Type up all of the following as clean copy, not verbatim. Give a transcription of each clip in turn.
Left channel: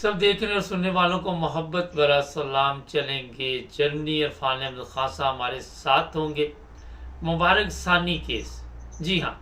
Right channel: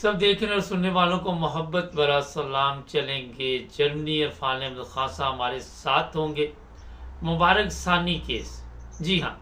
سب دیکھنے اور سننے والوں کو محبت برا سلام چلیں گے جرمنی عرفان احمد خان صاحب ہمارے ساتھ ہوں گے. مبارک ثانی کیس، جی ہاں،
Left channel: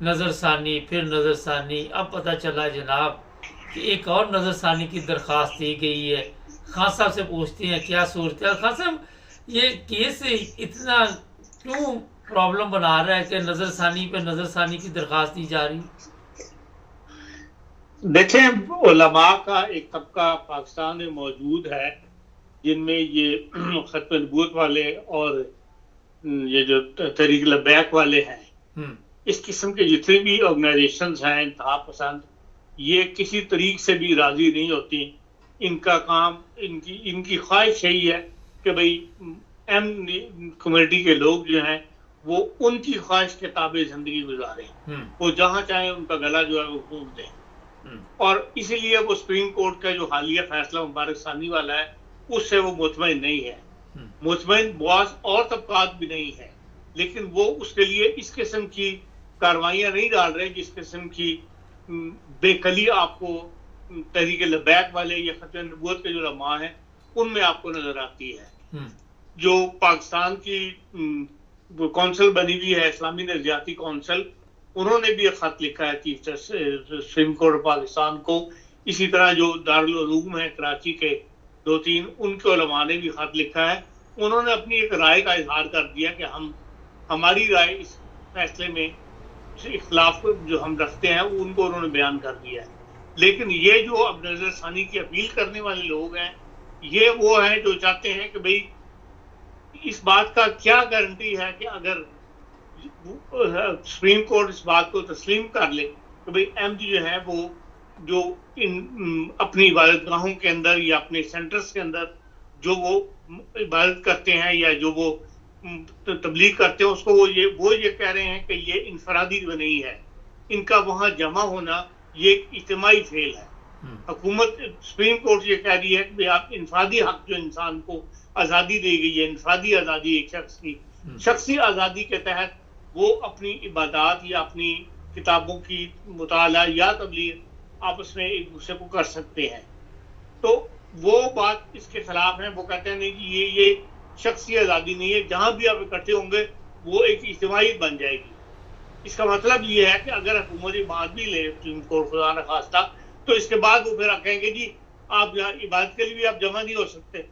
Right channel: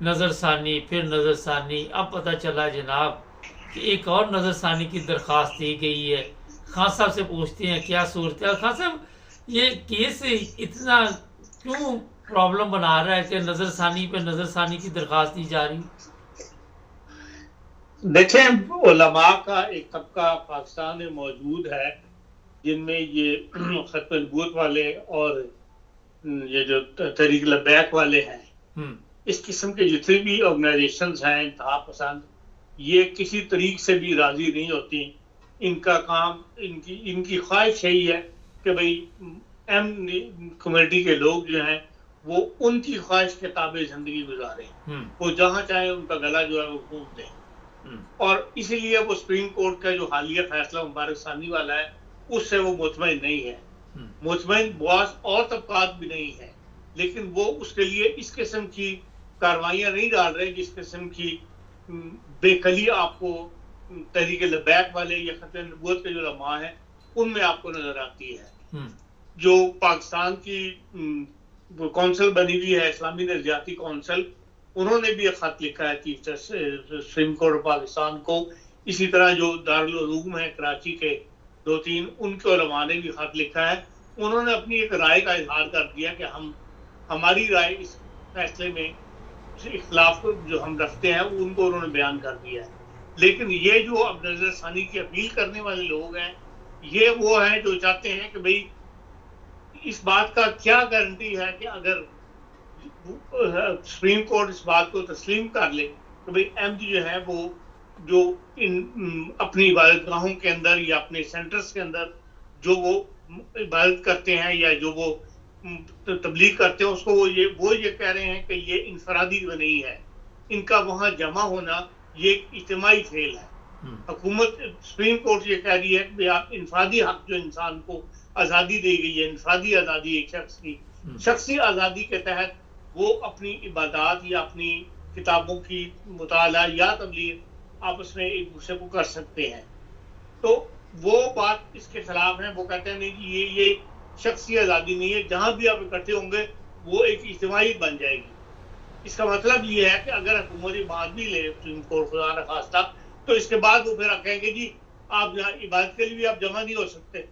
نظر ثانی پھر نظر ثانی. اب پتہ چلا جناب کہ ایک اور نظر ثانی کی درخواست دی گئی ہے. خان صاحب سے پوچھتے ہیں کیا صورت ہے. خان صاحب یہ کیس اتنا کیوں پرابلم بنا رہا ہے کہ نظر ثانی پہ نظر ثانی کی درخواست دی جا رہی؟ دیکھیں، علماء کا ایک طبقہ پاکستان میں موجود ہے جن میں یہ ختم نبوت والے اور یہ جو تحریک لبیک والے ہیں، اس قسم کے جتنے بھی آرگنائزیشنز ہیں انتہا پسند، یہ کسی طریق سے بھی راضی نہیں ہوتی. ان کا کام، ان کی خواہش یہی ہے کہ بھئی ایم کمیونٹی کے لوگ جو ہیں وہ ان کی خواہش کے تابع زندگی گزاریں، وہ جہاں چاہیں ان کا گلا جو ہے وہ گھونٹ دیں. اور اسی لیے وہ سپریم کورٹ کا جو حالیہ فیصلہ مبارک ثانی والا ہے اس سے وہ مطمئن نہیں ہے. مطمئن بعض اور طبقات بھی نہیں ہے، لیکن وہ اس کے لیے اس قسم کی کاروائیاں نہیں ڈال رہے جس قسم کی بے کلی آپ کو تحریک لبیک والے یا ختم نبوت کے جو علماء ہیں ان میں آپ کو نظر آتی ہے. جو پاکستان کی کونسل بنی ہوئی ہے، اسلامی نظریاتی کونسل، انہوں نے بھی ایک خط لکھا ہے chief justice supreme court Pakistan کو. اسی طرح جو دارالعلوم ہیں کراچی کے 2-3 ان کے علماء نے بھی خط لکھا ہے. انہوں نے اپنی ایک رائے کا اظہار کر دیا کہ ہماری رائے اس فیصلے میں اختلاف جو ہم رکھتے ہیں ان کو انہوں نے بیان کر دیا ہے. لیکن یہ جو اب نظر ثانی کی اپیل کرنے والے لوگ ہیں، یہ وہ ہیں جو چاہتے ہیں کہ بھئی اس بات کا کیا گارنٹی ہے کہ اگر سپریم کورٹ اس بات کو تسلیم کر لے کہ بھئی ایم جی جو ہے وہ جو اپنی عبادت گاہوں کے اندر یا اپنے سینٹرز کے اندر جو وہ عبادت کرتے ہیں یا جو وہ تبلیغ کرتے ہیں اس کو وہ یہ کہہ رہے ہیں کہ یہ انفرادی نہیں ہے، ان کا وہاں جمع ہونا یہ ایک اجتماعی فعل ہے. حکومت سپریم کورٹ یہ کہہ رہی ہے کہ آپ انفرادی حق جو انسان کو آزادی دی گئی ہے، انفرادی آزادی ایک شخص کی شخصی آزادی کے تحت وہ اپنی عبادات یا اپنی کتابوں کی مطالعہ یا تبلیغ آپس میں ایک دوسرے کو کر سکتے ہیں. تو وہ بات اس کے خلاف ہے. وہ کہتے ہیں نہیں کہ یہ شخصی آزادی نہیں ہے، جہاں بھی آپ اکٹھے ہوں گے وہ ایک اجتماعی بن جائے گی. اس کا مطلب یہ ہے کہ اگر حکومت بات بھی لے سپریم کورٹ خدا نخواستہ تو اس کے بعد وہ پھر کہیں گے جی آپ عبادت کے لیے بھی آپ جمع نہیں ہو سکتے.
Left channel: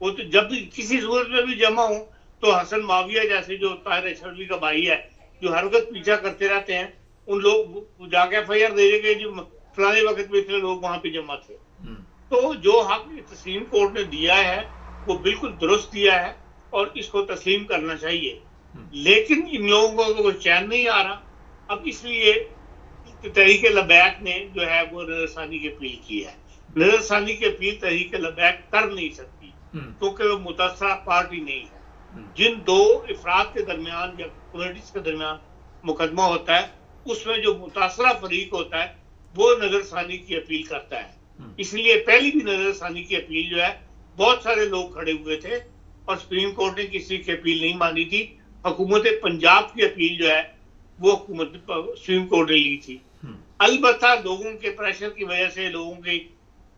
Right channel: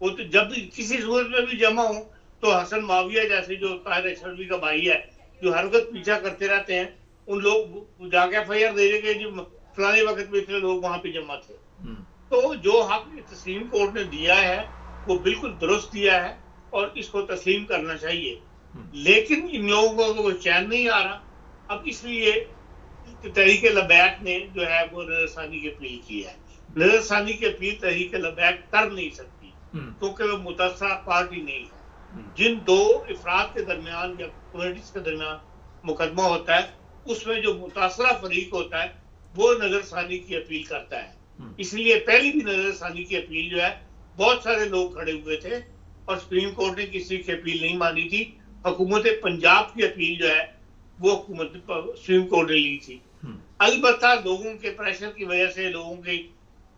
وہ تو جب بھی کسی صورت میں بھی جمع ہوں تو حسن معاویہ جیسے جو طاہر اشرفی کا بھائی ہے جو ہر وقت پیچھا کرتے رہتے ہیں، ان لوگ جا کے FIR دے گے جو فلانے وقت میں اتنے لوگ وہاں پہ جمع تھے. تو جو حق تسلیم کورٹ نے دیا ہے وہ بالکل درست دیا ہے اور اس کو تسلیم کرنا چاہیے. لیکن ان لوگوں کو چین نہیں آ رہا. اب اس لیے تحریک لبیک نے جو ہے وہ نظر ثانی کی اپیل کی ہے. نظر ثانی کی اپیل تحریک لبیک کر نہیں سکتی کیونکہ وہ متاثرہ پارٹی نہیں ہے. جن دو افراد کے درمیان یا کمیونٹیز کے درمیان مقدمہ ہوتا ہے اس میں جو متاثرہ فریق ہوتا ہے وہ نظر ثانی کی اپیل کرتا ہے. اس لیے پہلی بھی نظر ثانی کی اپیل جو ہے بہت سارے لوگ کھڑے ہوئے تھے اور سپریم کورٹ نے کسی کی اپیل نہیں مانی تھی. حکومت پنجاب کی اپیل جو ہے وہ حکومت سپریم کورٹ نے لی تھی. البتہ لوگوں کے پریشر کی وجہ سے، لوگوں کے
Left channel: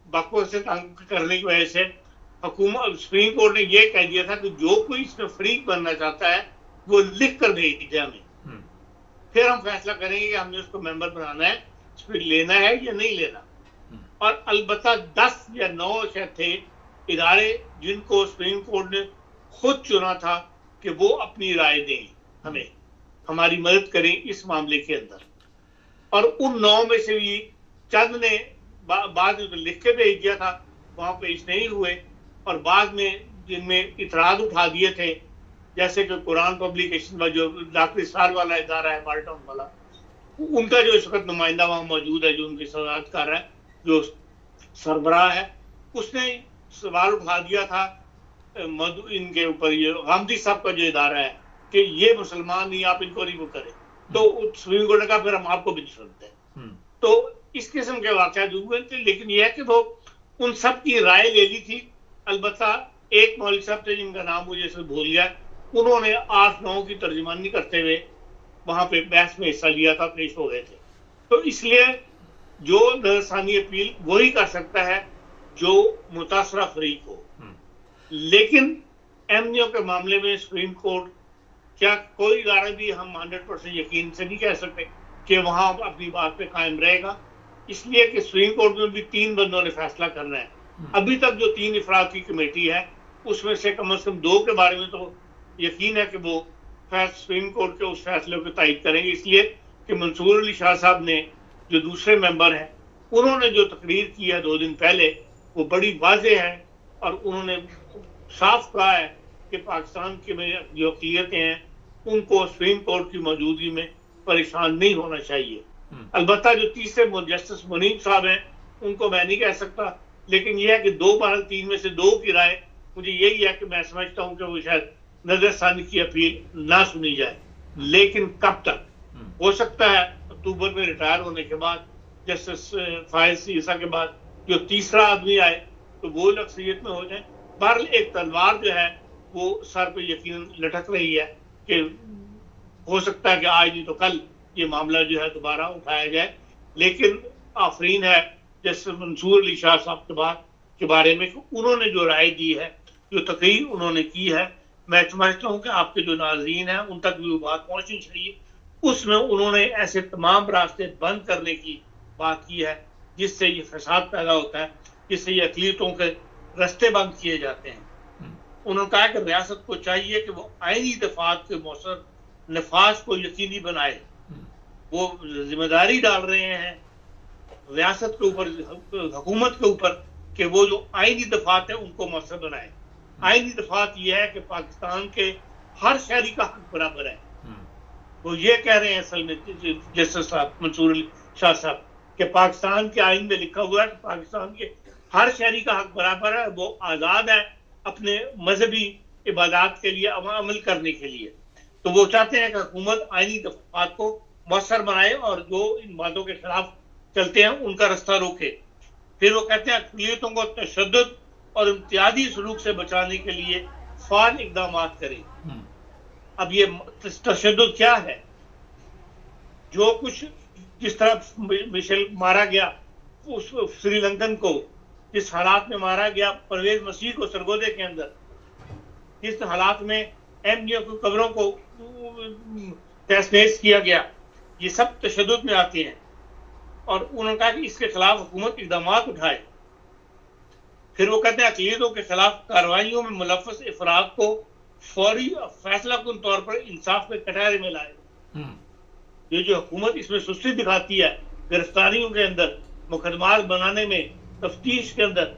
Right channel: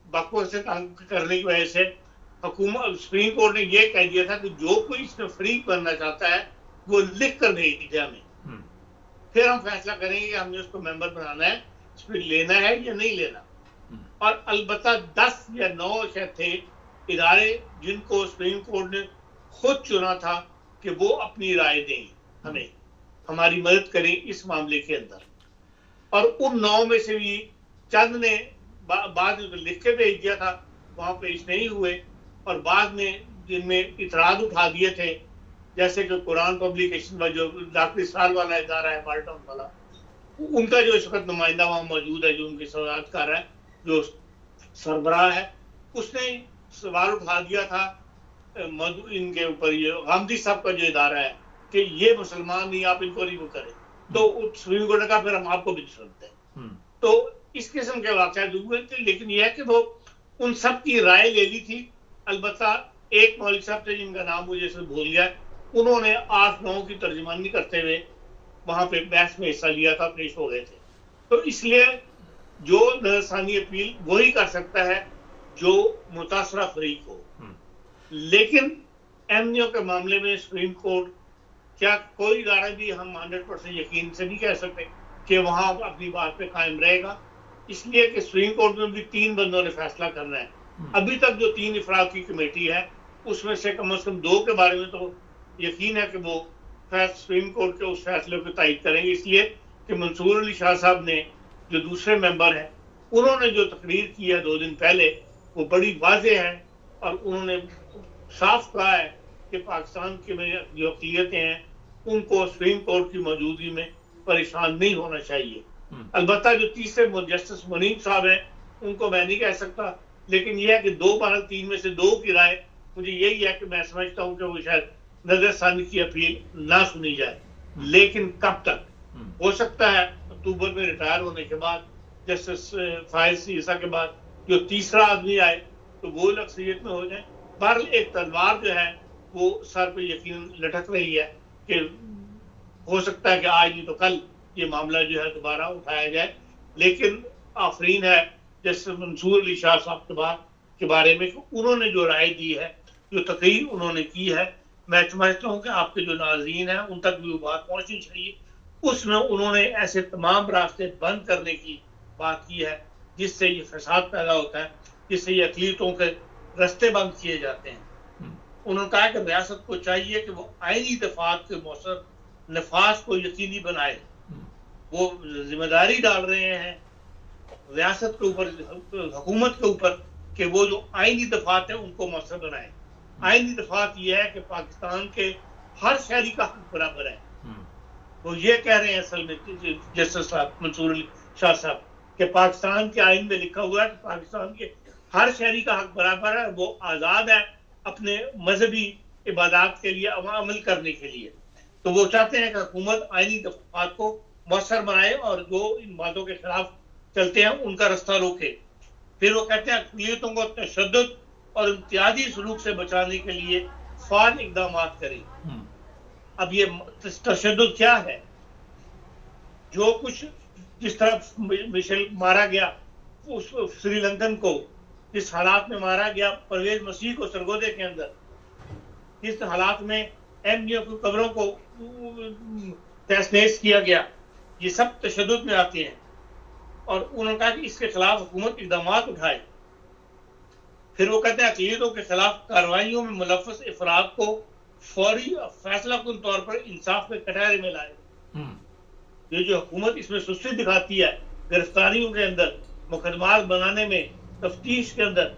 بکواس سے تنگ کرنے کی وجہ سے حکومت سپریم کورٹ نے یہ کہہ دیا تھا کہ جو کوئی اس میں فریق بننا چاہتا ہے وہ لکھ کر بھیجے ہمیں، پھر ہم فیصلہ کریں گے کہ ہم نے اس کو ممبر بنانا ہے، اس پہ لینا ہے یا نہیں لینا. اور البتہ 10 یا 9 شاید تھے ادارے جن کو سپریم کورٹ نے خود چنا تھا کہ وہ اپنی رائے دیں، ہمیں ہماری مدد کریں اس معاملے کے اندر. اور ان 9 میں سے بھی چند نے بعد میں لکھ کے بھیج دیا تھا، وہاں پیش نہیں ہوئے. اور بعد میں جن میں اعتراض اٹھا دیے تھے جیسے کہ قرآن پبلیکیشن جو ڈاکٹر اسرار والا ادارہ ہے مالٹاؤن والا، ان کا جو اس وقت نمائندہ وہاں موجود ہے جو ان کی صدارت کر رہا ہے، جو سربراہ ہے، اس نے سوال اٹھا دیا تھا ان کے اوپر، یہ غامدی صاحب کا جو ادارہ ہے، کہ یہ مسلمان نہیں، آپ ان کو نہیں کریں. تو سپریم کورٹ نے کہا پھر ہم آپ کو بھی نہیں سنتے. تو اس قسم کے واقعات ہوئے تھے. لیکن یہ ہے کہ وہ ان سب کی رائے لے لی تھی. البتہ ایک مولوی صاحب تھے جن کا نام مجھے سے بھول گیا، انہوں نے 8-9 کی ترجمانی کرتے ہوئے وہاں پہ بحث میں حصہ لیا تھا، پیش ہو گئے تھے. تو اس لیے جو نظر ثانی اپیل وہی کر سکتا ہے جو متاثرہ فریق ہو. لیکن ایم ڈی او کے معاملے میں سپریم کورٹ کیا کوئی ادارہ بھی ہم 100% یقین سے نہیں کہہ سکتے کہ وہاں اپنی بات پہ قائم رہے گا، اس لیے کہ سپریم کورٹ میں بھی 3 بندوں نے فیصلہ کرنا ہے. ابھی تک جو 3 افراد کی کمیٹی ہے اس میں سے کم 2 کے بارے میں تو یقین ہے کہ وہ سپریم کورٹ کے اس فیصلے کو تائید کریں گے، اس لیے کہ منصور علی شاہ صاحب نے جو دوسرے ممبر ہیں انہوں نے جو تقریر کی ہے 2 دن پہلے وہ بڑی واضح ہے، اور انہوں نے صاف کہا ہے کہ پاکستان کی جو اقلیتیں ہیں ان کو سپریم کورٹ کی موجودگی میں پریشان نہیں ہونا چاہیے. البتہ جو تیسرے جسٹس منیب صاحب ہیں ان کو میں نہیں کہہ سکتا، لیکن یہ ہے کہ 2/3 میں سے 2 کی رائے مجھے یہی ہے کہ میں سمجھتا ہوں کہ وہ شاید نظر ثانی کی اپیل نہ سنی جائے. لیکن کب تک؟ ہو سکتا ہے اکتوبر میں ریٹائر ہونے کے بعد جسٹس فائز عیسیٰ کے بعد جو تیسرا آدمی آئے تو وہ اکثریت میں ہو جائے. بہرحال ایک تلوار جو ہے وہ سر پہ یقین لٹک رہی ہے کہ ہو سکتا ہے کہ آج نہیں تو کل یہ معاملہ جو ہے دوبارہ اٹھایا جائے. لیکن آفرین ہے جیسے منصور علی شاہ صاحب کے بارے میں کہ انہوں نے جو رائے دی ہے، جو تقریر انہوں نے کی ہے، میں سمجھتا ہوں کہ آپ کے جو ناظرین ہیں ان تک بھی وہ بات پہنچنی چاہیے. اس میں انہوں نے ایسے تمام راستے بند کرنے کی بات کی ہے جس سے یہ فساد پیدا ہوتا ہے، جس سے یہ اقلیتوں کے راستے بند کیے جاتے ہیں. انہوں نے کہا کہ ریاست کو چاہیے کہ وہ آئینی دفعات کے مؤثر نفاذ کو یقینی بنائے. وہ ذمہ داری ڈال رہے ہیں ریاست کے اوپر، حکومت کے اوپر، کہ وہ جو آئینی دفعات ہیں ان کو مؤثر بنائے. آئینی دفعات یہ ہے کہ پاکستان کے ہر شہری کا حق برابر ہے. وہ یہ کہہ رہے ہیں اصل میں جسٹس صاحب منصور علی شاہ صاحب کہ پاکستان کے آئین میں لکھا ہوا ہے کہ پاکستان کے ہر شہری کا حق برابر ہے، وہ آزاد ہے اپنے مذہبی عبادات کے لیے عمل کرنے کے لیے. تو وہ چاہتے ہیں کہ حکومت آئینی دفعات کو مؤثر بنائے اور جو ان باتوں کے خلاف چلتے ہیں ان کا رستہ روکے. پھر وہ کہتے ہیں اقلیتوں کو تشدد اور امتیازی سلوک سے بچانے کے لیے فعال اقدامات کریں. اب یہ تشدد کیا ہے؟ جو کچھ جس طرح مشیل مارا گیا اس سری لنکن کو، جس حالات میں مارا گیا پرویز مسیح کو سرگودے کے اندر، جس حالات میں ایم ڈی او کی قبروں کو تہس نہس کیا گیا، یہ سب تشدد میں آتے ہیں. اور انہوں نے کہا کہ اس کے خلاف حکومت اقدامات اٹھائے. پھر وہ کہتے ہیں اقلیتوں کے خلاف کارروائیوں میں ملوث افراد کو فوری فیصلہ کن طور پر انصاف کے کٹہرے میں لائے. یہ جو حکومت اس میں سستی دکھاتی ہے گرفتاریوں کے اندر، مقدمات بنانے میں، تفتیش کے اندر،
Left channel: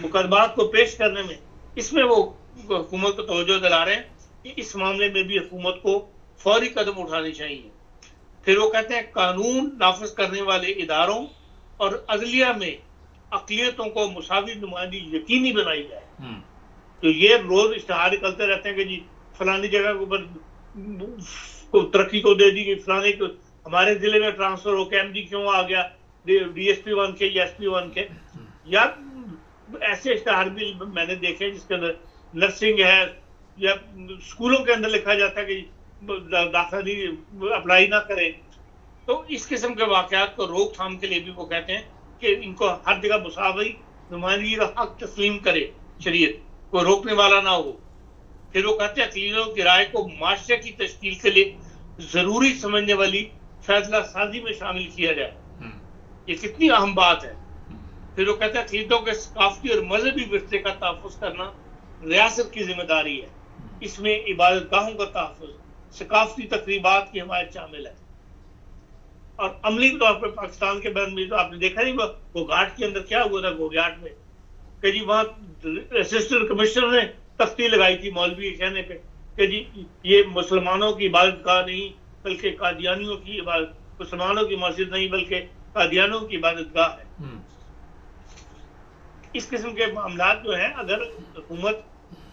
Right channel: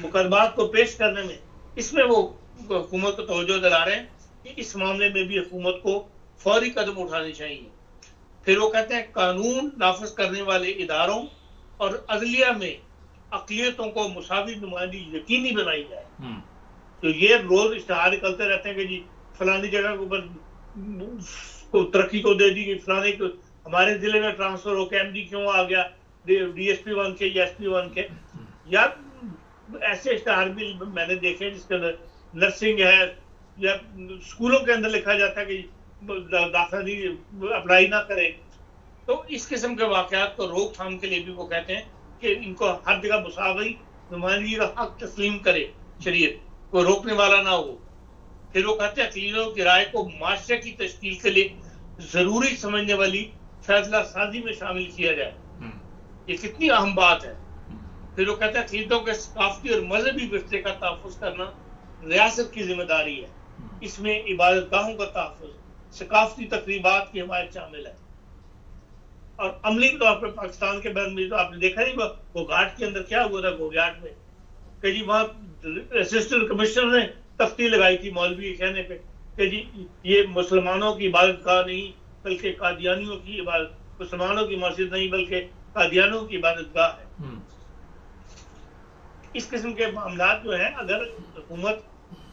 مقدمات کو پیش کرنے میں، اس میں وہ حکومت کو توجہ دلا رہے ہیں کہ اس معاملے میں بھی حکومت کو فوری قدم اٹھانے چاہیے. پھر وہ کہتے ہیں قانون نافذ کرنے والے اداروں اور عدلیہ میں اقلیتوں کو مساوی نمائندگی یقینی بنائی جائے. تو یہ روز اشتہار نکلتے رہتے ہیں کہ جی فلانی جگہ کے اوپر ترقی کو دے دی گئی، فلانے کو ہمارے ضلع میں ٹرانسفر ہو کے ایم ڈی کیوں آ گیا، ڈی ایس پی 1 کے یا ایس پی 1 کے. یا ایسے اشتہار بھی میں نے دیکھے جس کے اندر نرسنگ ہے یا اسکولوں کے اندر لکھا جاتا ہے کہ داخلی اپلائی نہ کریں. تو اس قسم کے واقعات کو روک تھام کے لیے بھی وہ کہتے ہیں کہ ان کو ہر جگہ مساوی نمائندگی کا حق تسلیم کرے شریعت، کوئی روکنے والا نہ ہو. پھر وہ کہتے ہیں عقیدوں کی رائے کو معاشرے کی تشکیل کے لیے ضروری سمجھنے والی فیصلہ سازی میں شامل کیا جائے. یہ کتنی اہم بات ہے. پھر وہ کہتے ہیں عقیدوں کے ثقافتی اور مذہبی ورثے کا تحفظ کرنا ریاست کی ذمہ داری ہے. اس میں عبادت گاہوں کا تحفظ، ثقافتی تقریبات کی حمایت شامل ہے. اور عملی طور پر پاکستان کے بین میں تو آپ نے دیکھا نہیں وہ گھاٹ کے اندر کیا ہوا تھا گوگھاٹ میں کہ جی وہاں اسسٹنٹ کمشنر نے تختی لگائی تھی مولوی کے کہنے پہ کہ جی یہ مسلمانوں کی عبادت گاہ نہیں بلکہ قادیانیوں کی عبادت، مسلمانوں کی مسجد نہیں بلکہ قادیانیوں کی عبادت گاہ ہے. اس قسم کے معاملات جو ہیں اگر حکومت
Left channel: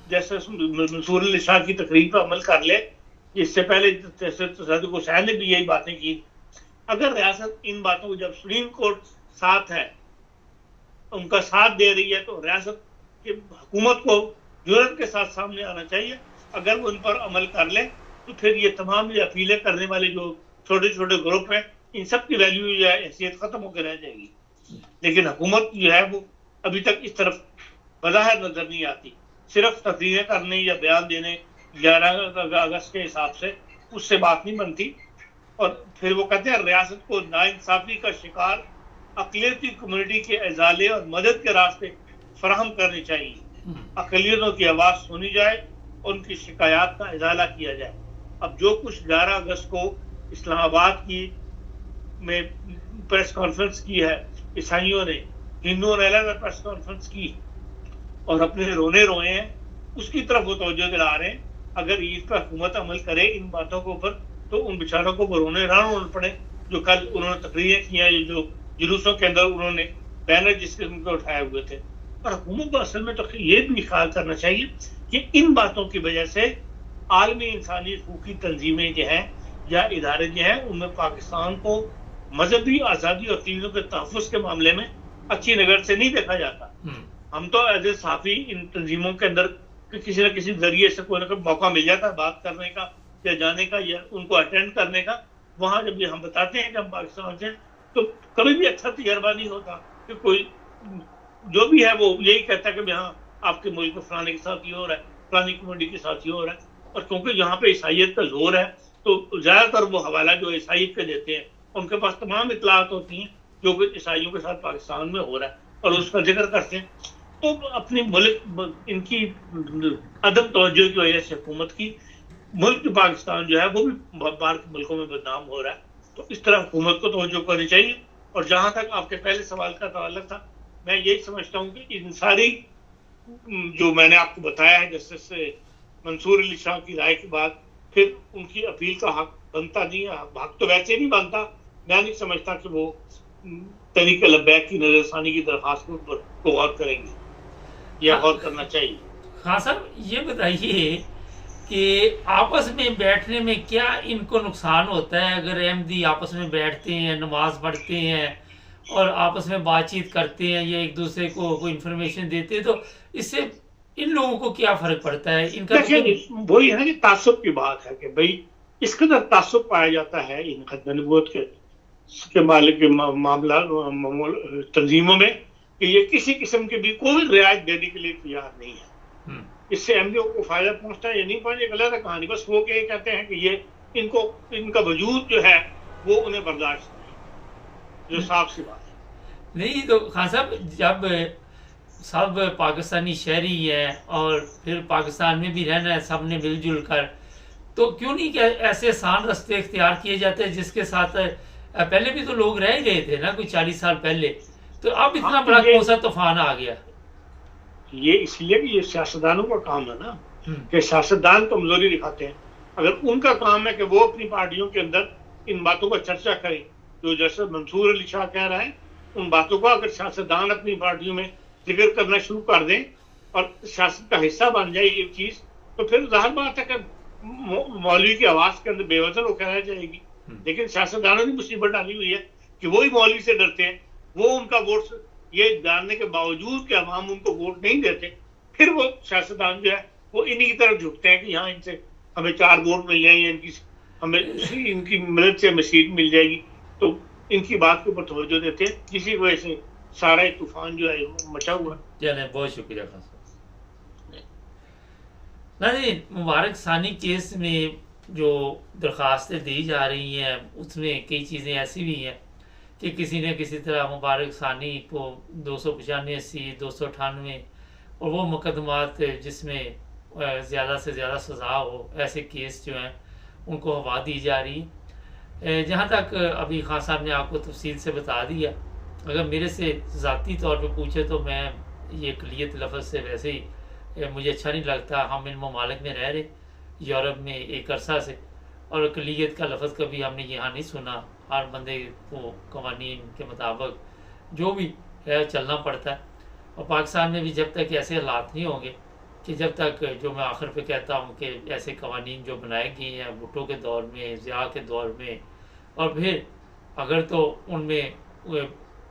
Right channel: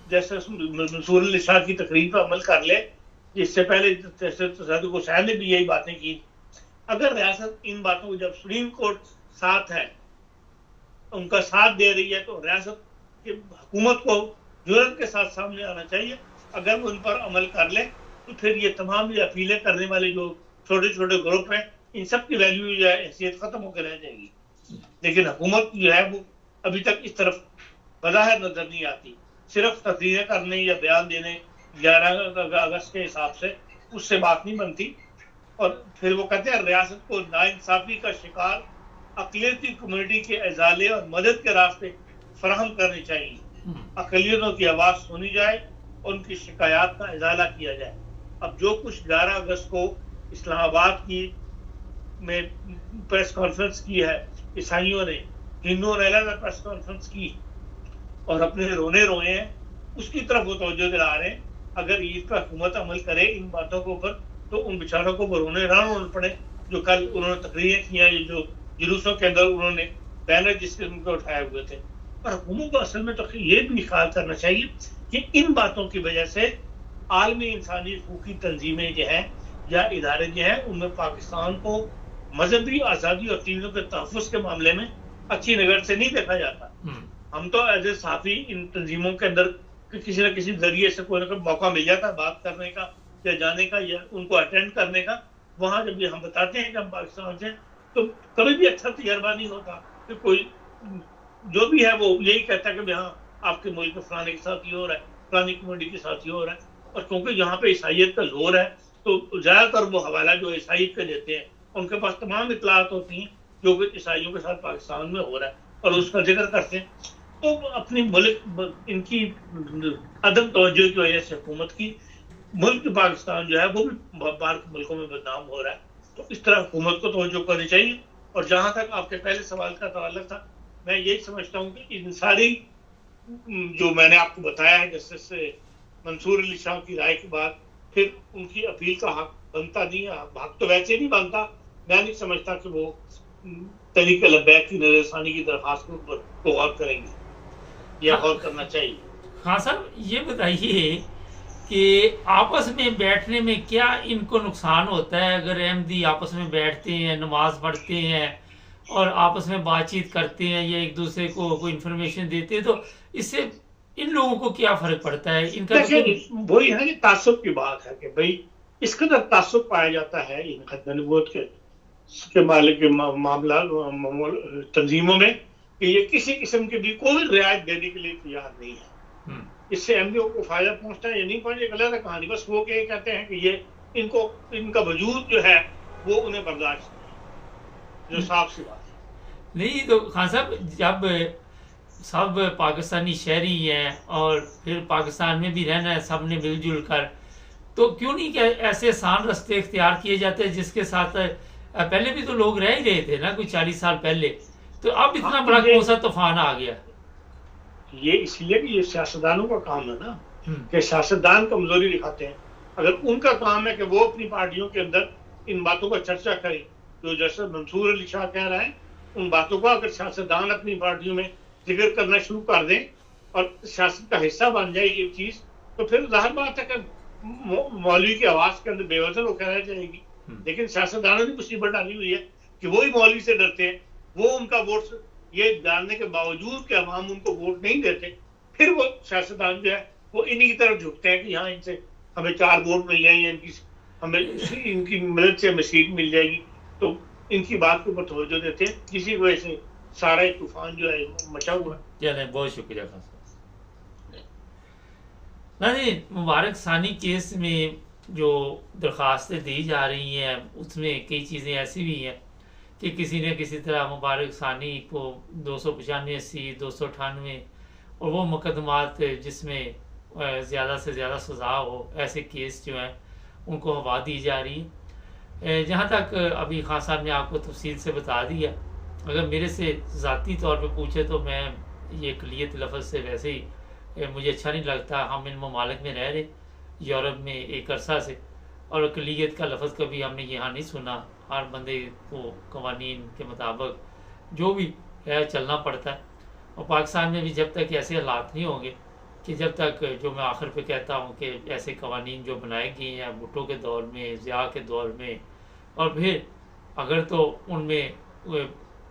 جیسے منصور علی شاہ کی تقریر پر عمل کر لے، اس سے پہلے صدیق حسین نے بھی یہی باتیں کی، اگر ریاست ان باتوں کو جب سپریم کورٹ ساتھ ہے ان کا ساتھ دے رہی ہے تو ریاست کی حکومت کو جرأت کے ساتھ سامنے آنا چاہیے. اگر ان پر عمل کر لے تو پھر یہ تمام یہ اپیلیں کرنے والے جو چھوٹے چھوٹے گروپ ہیں ان سب کی ویلیو جو ہے حیثیت ختم ہو کے رہ جائے گی. لیکن حکومت جو ہے وہ ابھی تک اس طرف بظاہر نظر نہیں آتی. صرف تقریریں کرنے یا بیان دینے 11 اگست کے حساب سے اس سے بات نہیں بنتی. اور پھر وہ کہتے ہیں ریاست کو ناانصافی کا شکار اقلیتی کمیونٹی کے ازالے اور مدد کے راستے فراہم کرنے چاہیے. اقلیتوں کی آواز سنی جائے اور ان کی شکایات کا ازالہ کیا جائے. اب جو کچھ 11 اگست کو اسلام آباد کی میں پریس کانفرنس کی ہے عیسائیوں نے، ہندوؤں نے الگ پریس کانفرنس کی اور اپنے رونے روئے ہیں، اس کی طرف وہ توجہ دلا رہے ہیں. اگر عید کا حکومت عمل کرے ان باتوں کے اوپر تو ان بیچاروں کو وہ رونے رونا پڑے جو کل انہوں نے تقریریں کی ہیں، جو جلوسوں کے اندر انہوں نے بینر جس قسم کے اٹھائے ہوئے تھے. اور حکومت کو اصل میں تو یہ بھی خیال کرنا چاہیے کہ ان باتوں کی وجہ سے عالمی انسانی حقوقی تنظیمیں جو ہیں یا ادارے جو ہیں ان میں پاکستان کو مذہبی آزادی اور تینوں کے تحفظ کے معاملے میں اچھی نظر سے نہیں دیکھا جاتا. ہم تو ایز اے صحافی ان تنظیموں کے اندر کسی نہ کسی ذریعے سے کوئی نہ کوئی موقع مل جاتا ہے بات کرنے کا یا جانے کا یا ان کو اٹینڈ کرنے کا. وہاں جب یہ ہم بتاتے ہیں کہ ہم پاکستان سے تو کبھی بھی اچھا تجربہ نہیں ہوتا کہ کوئی جو بھی ہے وہ یہی کہتا ہے کہ ہاں آپ کے ملک میں فلانے کے ساتھ یہ ہو رہا ہے، فلانی کمیونٹی کے ساتھ یہ ہو رہا ہے. اور کیونکہ یہاں پہ عیسائیت کا زور ہے تو زیادہ تر وہ حوالہ جو عیسائیت کے دیتے ہیں ان کے پاس تمام اطلاعات ہوتی ہیں جو کہ عیسائیوں کے ساتھ پاکستان میں ہو رہا ہے اور اس کا ذکر کرتے ہیں. تو اپنی ملک ان کی عدم توجہ کی وجہ سے حکومت کی ملک پاکستان جو ہے وہ بھی باہر کے ملکوں میں بدنام ہو رہا ہے. تو اس طرح حکومت کو توجہ کرنی چاہیے. اور جہاں تک آپ کے پہلے سوال کا تعلق تھا، میں یہی سمجھتا ہوں کہ ان ساری جو میں نے آپ کو بتایا ہے جسٹس منصور علی شاہ کی رائے کے بعد پھر ان کی اپیل کا حق بنتا نہیں ہے. حق تو ویسے نہیں بنتا. میں نہیں سمجھتا کہ وہ تحریک لبیک کی نظر ثانی کی درخواست پر غور کریں گے یا غور کرنا چاہیے. ہاں صاحب یہ بتائیے کہ آپس میں بیٹھنے میں کیا ان کو نقصان ہوتا ہے؟ اگر احمدی آپس میں بیٹھتے ہیں، نماز پڑھتے ہیں اور آپس میں بات چیت کرتے ہیں یا ایک دوسرے کو کوئی انفارمیشن دیتے ہیں تو اس سے ان لوگوں کو کیا فرق پڑتا ہے؟ ان کا وہی ہے کہ تعصب کی بات ہے کہ بھائی اس قدر تعصب پایا جاتا ہے ان ختم نبوت کے مالک کے معاملات تنظیموں میں کہ یہ کسی قسم کی بھی کوئی رعایت دینے کے لیے تیار نہیں ہے. اس سے احمدیوں کو فائدہ پہنچتا ہے یا نہیں پہنچتا غلط ہے کہانی. بس وہ کہ کہتے ہیں کہ یہ ان کا وجود جو ہے وہ انہیں برداشت نہیں، جو صاف سی بات ہے. نہیں تو خان صاحب جب سب پاکستانی شہری ہیں اور پھر پاکستان میں بھی رہنا ہے سب نے مل جل کر، تو کیوں نہیں کہ ایسے آسان راستے اختیار کیے جاتے ہیں جس کے ساتھ پہلے بھی تو لوگ رہ ہی رہے تھے نا کوئی 40 سال پہلے، تو اب اتنا بڑا کون سا طوفان آ گیا؟ یہ اس لیے کہ یہ سیاستدانوں کا کام ہے نا کہ سیاستدان کمزوری دکھاتے ہیں. اگر ان کا کام ہے کہ وہ اپنی پارٹیوں کے اندر ان باتوں کا چرچا کریں جو جیسے منصور علی شاہ کہہ رہا ہے، ان باتوں کا اگر سیاستدان اپنی پارٹیوں میں ذکر کرنا شروع کر دیں اور سیاست کا حصہ بن جائے یہ چیز، تو پھر ظاہر بات ہے کہ مولوی کی آواز کے اندر بے وزن ہو کر رہ جائے گی. لیکن سیاستدانوں نے مصیبت ڈالی ہوئی ہے کہ وہی مولوی سے ڈرتے ہیں، وہ ان کا ووٹ یہ جاننے کے باوجود کہ عوام ان کو ووٹ نہیں دیتے، پھر وہ سیاستدان جو ہے وہ انہی کی طرف جھکتے ہیں کہ یہاں ان سے ہمیں 4 ووٹ مل جائیں گے، ہمیں ان کی مدد سے ہمیں سیٹ مل جائے گی، تو ان کی بات کے اوپر توجہ دیتے ہیں. کسی وجہ سے سارا ایک طوفان جو ہے مچا ہوا ہے. چلیں بہت شکریہ خان صاحب. نہیں مبارک ثانی کیس میں جو درخواستیں دی جا رہی ہیں اس میں کئی چیزیں ایسی بھی ہیں کہ کسی نے کسی طرح مبارک ثانی کو 295 298 اور وہ مقدمات جس میں زیادہ سے زیادہ سزا ہو ایسے کیس جو ہیں ان کو ہوا دی جا رہی ہے. جہاں تک ابھی خان صاحب نے آپ کو تفصیل سے بتا دیا، اگر میرے سے ذاتی طور پہ پوچھے تو میں یہ اقلیت لفظ سے ویسے ہی مجھے اچھا نہیں لگتا. ہم ان ممالک میں رہ رہے یورپ میں ایک عرصہ سے، اور اقلیت کا لفظ کبھی ہم نے یہاں نہیں سنا. ہر بندے کو قوانین کے مطابق جو بھی ہے چلنا پڑتا ہے. اور پاکستان میں بھی جب تک ایسے حالات نہیں ہوں گے کہ جب تک جو میں آخر پہ کہتا ہوں کہ ایسے قوانین جو بنائے گئے ہیں بھٹو کے دور میں، ضیاء کے دور میں، اور پھر اگر تو ان میں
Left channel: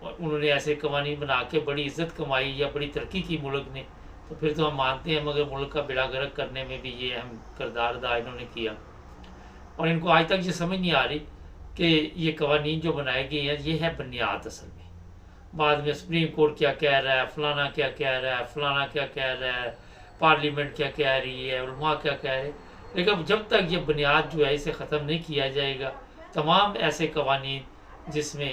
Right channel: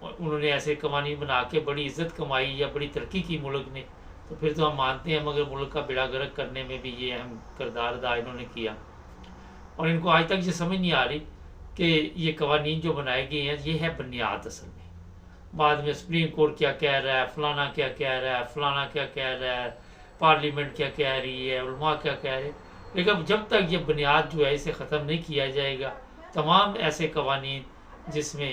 انہوں نے ایسے قوانین بنا کے بڑی عزت کمائی یا بڑی ترقی کی ملک نے، تو پھر تو ہم مانتے ہیں، مگر ملک کا بیڑا غرق کرنے میں بھی یہ اہم کردار ادا انہوں نے کیا. اور ان کو آج تک یہ سمجھ نہیں آ رہی کہ یہ قوانین جو بنائے گئے ہیں یہ ہے بنیاد اصل میں. بعد میں سپریم کورٹ کیا کہہ رہا ہے، فلانا کیا کہہ رہا ہے، فلانا کیا کہہ رہا ہے، پارلیمنٹ کیا کہہ رہی ہے، علماء کیا کہہ رہے ہیں، لیکن جب تک یہ بنیاد جو ہے اسے ختم نہیں کیا جائے گا، تمام ایسے قوانین جس میں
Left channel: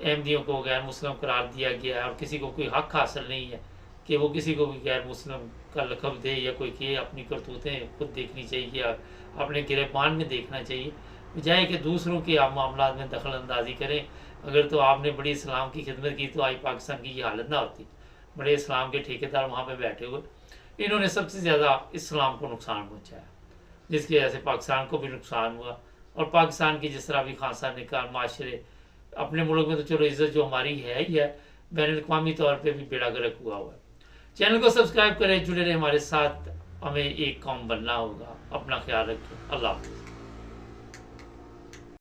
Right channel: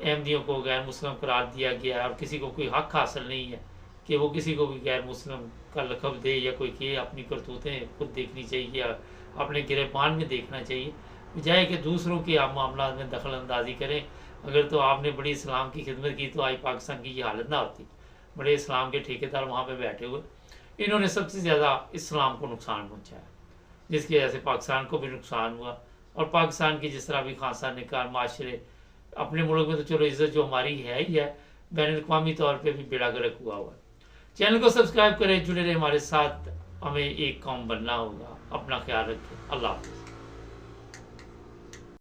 احمدیوں کو غیر مسلم قرار دیا گیا ہے اور کسی کو کوئی حق حاصل نہیں ہے کہ وہ کسی کو بھی غیر مسلم کا لقب دے یا کوئی کہ اپنی کرتوتیں خود دیکھنی چاہیے یا اپنے گریبان میں دیکھنا چاہیے، بجائے کہ دوسروں کے آپ معاملات میں دخل اندازی کریں. اگر تو آپ نے بڑی اسلام کی خدمت کی تو آج پاکستان کی یہ حالت نہ ہوتی. بڑے اسلام کے ٹھیکیدار وہاں پہ بیٹھے ہوئے، انہوں نے سب سے زیادہ اسلام کو نقصان پہنچایا، جس کی وجہ سے پاکستان کو بھی نقصان ہوا. اور پاکستان کی جس طرح بھی خان صاحب نے کہا معاشرے اپنے ملک میں تو چلو عزت جو ہماری ہے ہی ہے، بین الاقوامی طور پہ بھی بیڑا گرک ہوا ہوا ہے. چینل کو سبسکرائب کریں، جڑے رہے ہمارے ساتھ. ہمیں ایک قوم بننا ہوگا. اپنا خیال رکھیں. اللہ حافظ.